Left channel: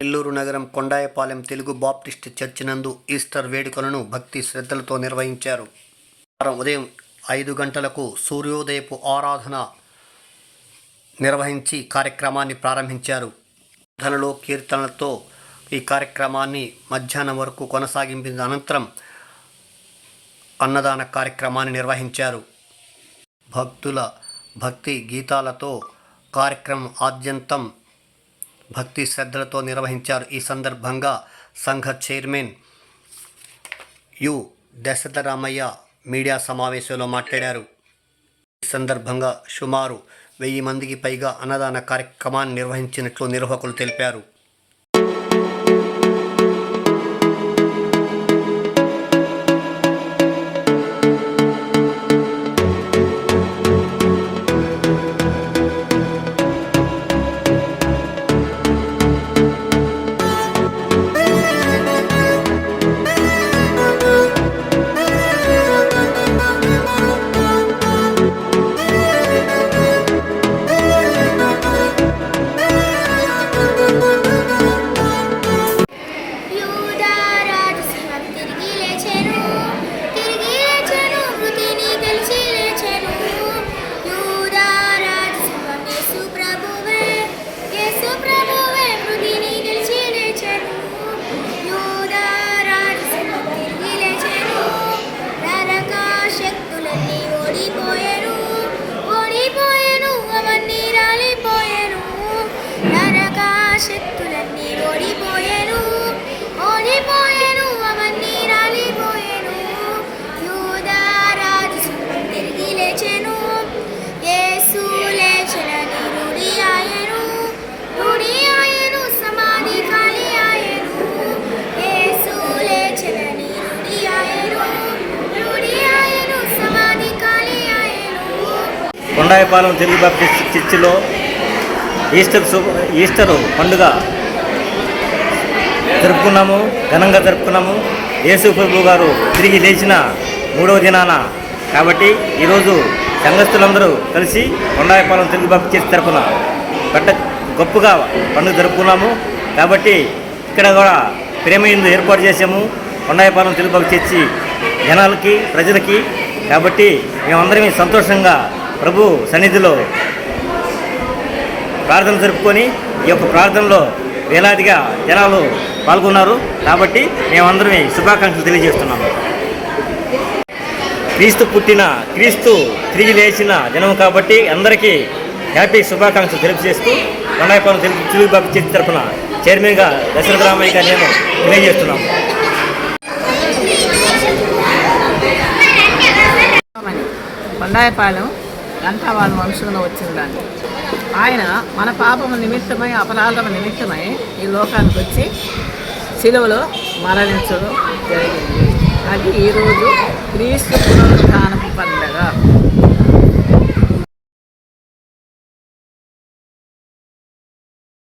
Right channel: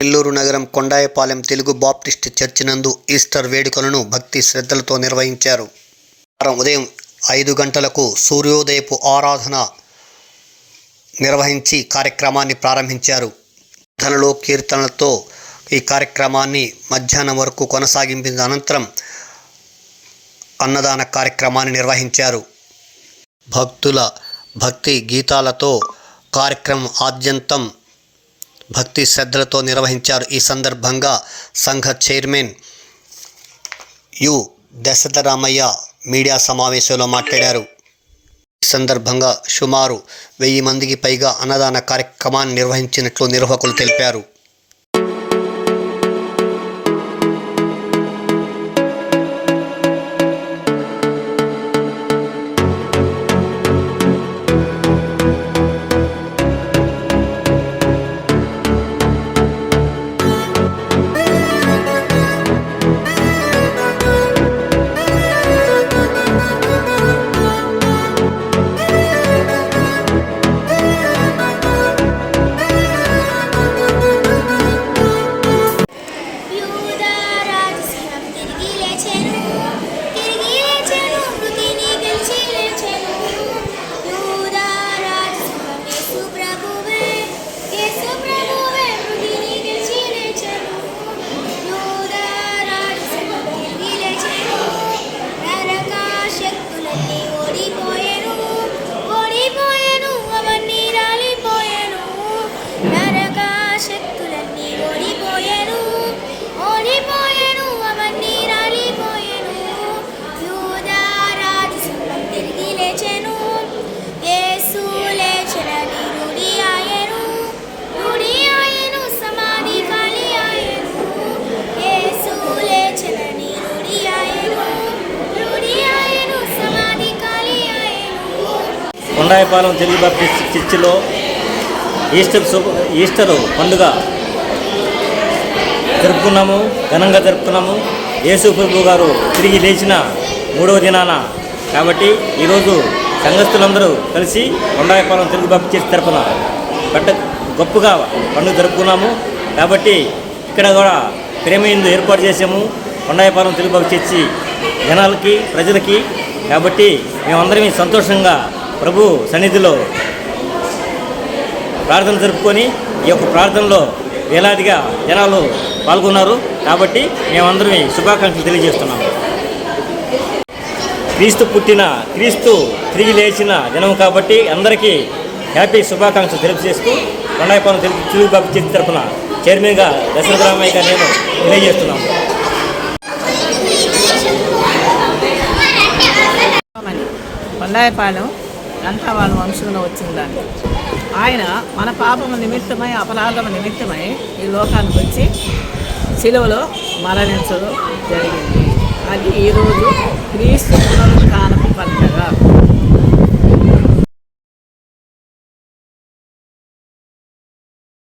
నెల్లూరు నగరం Kondayapalem Telugu Baptist church నందు Easter వేడుకలను భక్తి శ్రద్ధలతో నిర్వహించారు. ఉదయం 5 గంటలకు సూర్యోదయపు ఆరాధన నిర్వహించి కార్యక్రమాన్ని ప్రారంభించారు. ధనలో కీర్తనలతో ఈ కార్యక్రమాన్ని మధ్యాహ్నం వరకు కొనసాగించిన అనంతరం అన్నదాన కార్యక్రమాన్ని నిర్వహించారు. భక్తుల భక్తి గీతాలతో కార్యక్రమం ఆద్యంతం భక్తి శ్రద్ధలతో నిర్వహించారు. ఈ సందర్భంగా సంఘ చైర్మన్ యు దశరథరామయ్య మీడియా సమావేశంలో మాట్లాడారు. ఈ సందర్భంగా సుమారు 1000 మందికి పైగా అన్నదాన కార్యక్రమాన్ని నిర్వహించినట్లు నిర్వాహకులు తెలిపారు. కొండాయపాలెం తెలుగు బాప్టిస్ట్ చర్చిలో ఈస్టర్ పండుగ జరుపుకున్నాము, ఘనంగా జరుపుకున్నాము. యేసు ప్రభు గారు తిరిగి లేచిన 3వ దినాన కాబట్టి ఈరోజు సంఘస్థులందరూ కలిసి కొండాయపాలెం తెలుగు బాప్టిస్ట్ చర్చి తరపున గొప్పగా పండుగ జరుపుకున్నాము. కాబట్టి ఇక్కడ కూడా ప్రేమయందు ఏర్పాటు చేసాము కొండాయపాలెం తెలుగు బాప్టిస్ట్ చర్చి జనాలకి, ప్రజలకి. కాబట్టి మేమందరం సంతోషంగా ప్రభు సన్నిధిలో ప్రార్థన జరుపుకొని ఈ యొక్క ప్రార్థనలో వేలాదిగా జనాలు పాల్గొన్నారు. కాబట్టి మేమందరం శుభాకాంక్షలు తెలియజేస్తున్నాము. క్రీస్తు తిరిగి లేచిన దినం కాబట్టి అందరికీ హ్యాపీ శుభాకాంక్షలు తెలియజేస్తూ కొండాయపాలెం తెలుగు బాప్టిస్ట్ చర్చి తరఫున చైర్మన్గా దశరథరామయ్యగా నేను తెలియజేస్తున్నాము. కొండాయపాలెం అంతా వాళ్ళ వంశంలో వచ్చిందండి. ఆయన మన పాపము నిమిత్తమై, అపరాధము నిమిత్తమై ఈ లోకానికి వచ్చి శిలువలో మరణించడం జరిగింది. అది ఈరోజు క్రీస్తు పునరుత్థానపు పండుగ.